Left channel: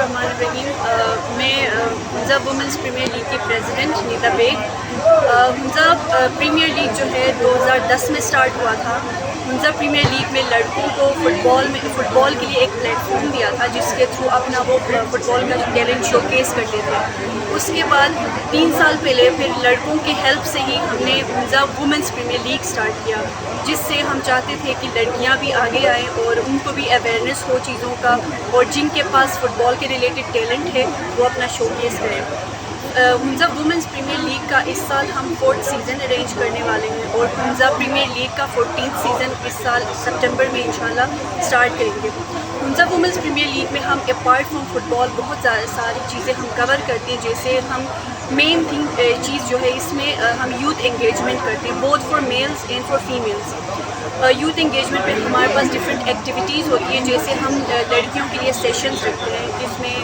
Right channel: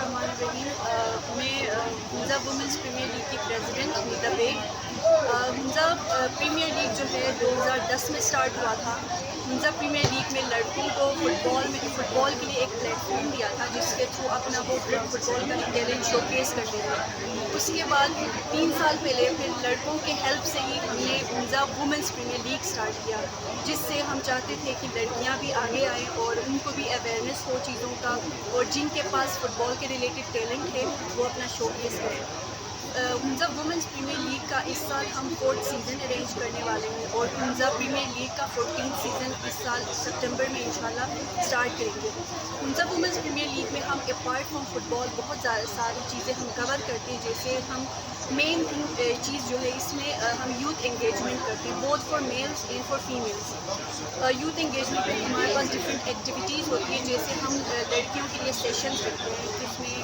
बिस्मिल्लाहिर्रहमानिर्रहीम। मैं Hunza women's premier league की president Nita Baig. Hunza premier league जो है 2010 में स्टार्ट हुआ था। हुंजा प्रीमियर लीग में लड़कों को फ़ुटबॉल के लिए एक प्लेटफॉर्म दिया था जिसके थ्रू अपना वो फ़ुटबॉल का टैलेंट शोकेस करते थे। उसके बाद 3 साल पहले फिर लड़कों के हेल्प से ही हमने Hunza women's premier league start किया, जिससे हम चाहते थे कि लड़कियां भी आगे आएँ और उनको भी अवेयरनेस हो चीज़ों का, और जिनके पास फ़ुटबॉल के रिलेटेड टैलेंट है वो अपना शोकेस करें। हुंजा वुमेंस प्रीमियर लीग का इस साल हम 4th सीज़न अरेंज करने वाले हैं और हुंजा प्रीमियर लीग का 14th सीज़न इस साल सितंबर में इंशाल्लाह स्टार्ट करेंगे। हुंजा वुमेंस प्रीमियर लीग में हम अपार्ट फ्रॉम फुटबॉल बहुत सारी चीज़ें हम कवर करते हैं। जैसे हम मेन चीज़ जो है इसमें हम यूथ एंगेजमेंट करते हैं, both for mails and for females. Youth engagement में हमारे पास डिफरेंट एक्टिविटीज़ होती हैं, जैसे हम लड़कियों के लिए सेशंस रखते हैं जिसमें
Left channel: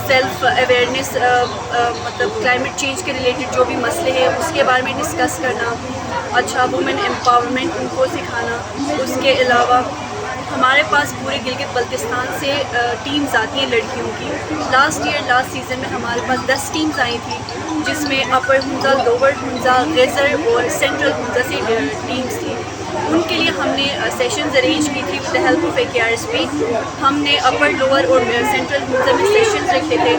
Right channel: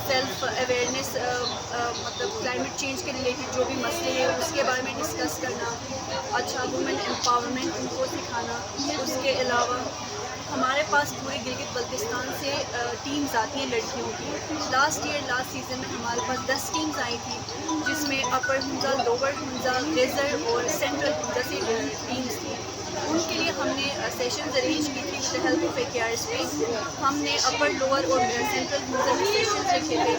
सेल्फ अवेयरनेस, मतलब क्लाइमेट चेंज के रिलेटेड जो भी मसले हैं उसके बारे में डिस्कस करना, अच्छा वुमेन एम्पावरमेंट उनको सिखाना। उसके अलावा हमारे पास पूरे गिलगित बल्तिस्तान से टीम्स आती हैं लड़कियों की। लास्ट सीज़न में हमारे पास 10 टीम्स आई थी, जिसमें अपर हुंजा, लोअर हुंजा, रेजर और सेंट्रल हुंजा से टीम्स थी। उनके लिए हमने सेशंस अरेंज की थी with the help of AKRSP। हमने अपर, लोअर और सेंट्रल हुंजा में सेशंस रखे थे,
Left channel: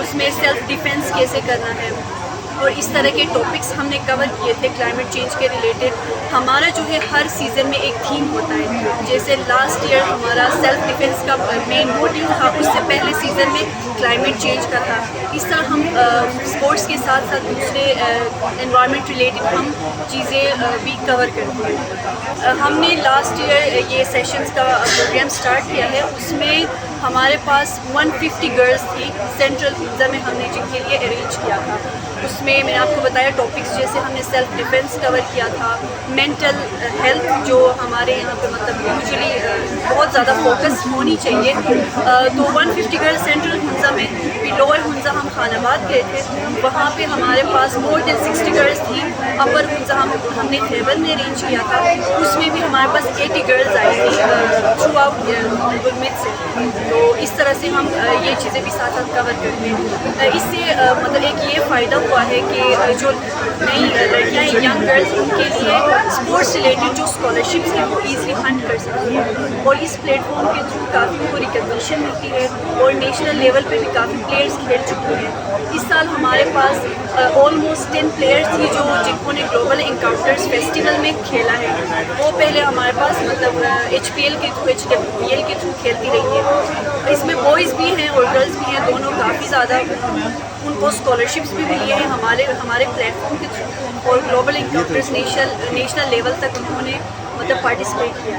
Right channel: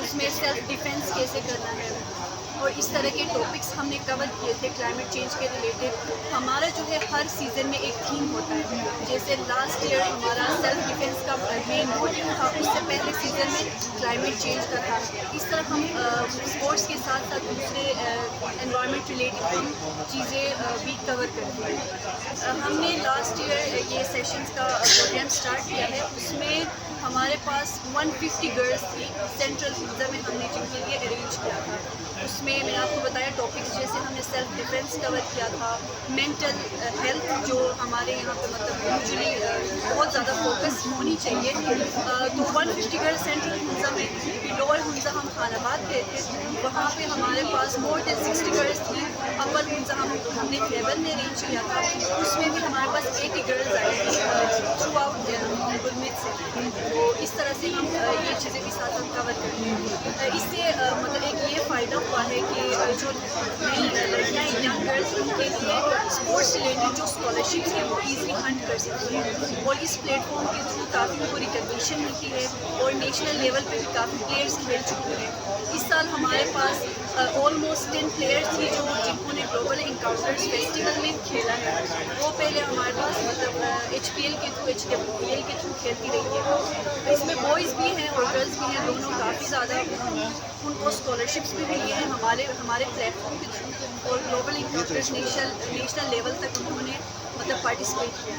उसमें सेल्फ डिफेंस कैसे करना है और इस तरह के टॉपिक्स हमने कवर किए थे क्लाइमेट चेंज के रिलेटेड। हमारा जो है हर सीज़न में एक थीम होता है, जैसे लास्ट ईयर हमारा सेल्फ डिफेंस का मेन मोटिव था, उससे पहले सीज़न में क्लाइमेट चेंज का था। इस तरह हम स्पोर्ट्स के साथ साथ दूसरे एनवायरनमेंट रिलेटेड हम चीज़ें भी कवर करते हैं। हमने लास्ट ईयर ये सेशंस का प्रोग्राम स्टार्ट किया है, उसमें हमारे पास 150 गर्ल्स थी सेंट्रल हुंजा में हमने जिनके लिए अरेंज किया था। उसमें मैंने आपको बताया टॉपिक्स, जैसे हमने सेल्फ डिफेंस कवर किया था, मेंटल हेल्थ जो हमारे यहाँ पे मतलब यूजुअली बहुत ज़्यादा फोकस होनी चाहिए। तो 150 गर्ल्स सेंट्रल हुंजा में, फिर लोअर हुंजा हम खानाबाद गए थे, वहाँ पे हमारे पास मोर देन 60 गर्ल्स थी। अपर हुंजा हमने खैबर में अरेंज किया था, उसमें भी हमारे पास 80 गर्ल्स आई थी थ्रू आउट गुलमित से। तो इस तरह से हम ये चीज़ें भी साथ साथ कवर करते हैं। इससे मतलब एक ये फ़ायदा हुआ है कि जो नई लड़कियाँ यंग गर्ल्स उनके लिए स्पोर्ट्स रिलेटेड जो स्कॉलरशिप्स हैं वो ईज़िली फंड कर सकती हैं, और इस प्लेटफॉर्म के थ्रू काफ़ी उनको रिकग्निशन मिलती है और नेशनल लेवल पे भी काफ़ी प्लेयर्स खेल चुके हैं। इस साल हमारे पास ऑलमोस्ट 10 प्लेयर्स थी जिन्होंने ग्लोबल इनकाउंटर्स फेस्टिवल में खेला है। वो पहले हमारे पास मतलब HPL के थ्रू, HWPL के थ्रू खेलती रही है। इसमें बॉयज़ भी हैं और गर्ल्स भी हैं, दोनों काफ़ी ज़्यादा उनको स्कॉलरशिप्स भी मिली है हमारे प्लेटफॉर्म के थ्रू, और ग्लोबल इनकाउंटर्स नेशनल लेवल तक उन्होंने मतलब पार्टिसिपेट किया।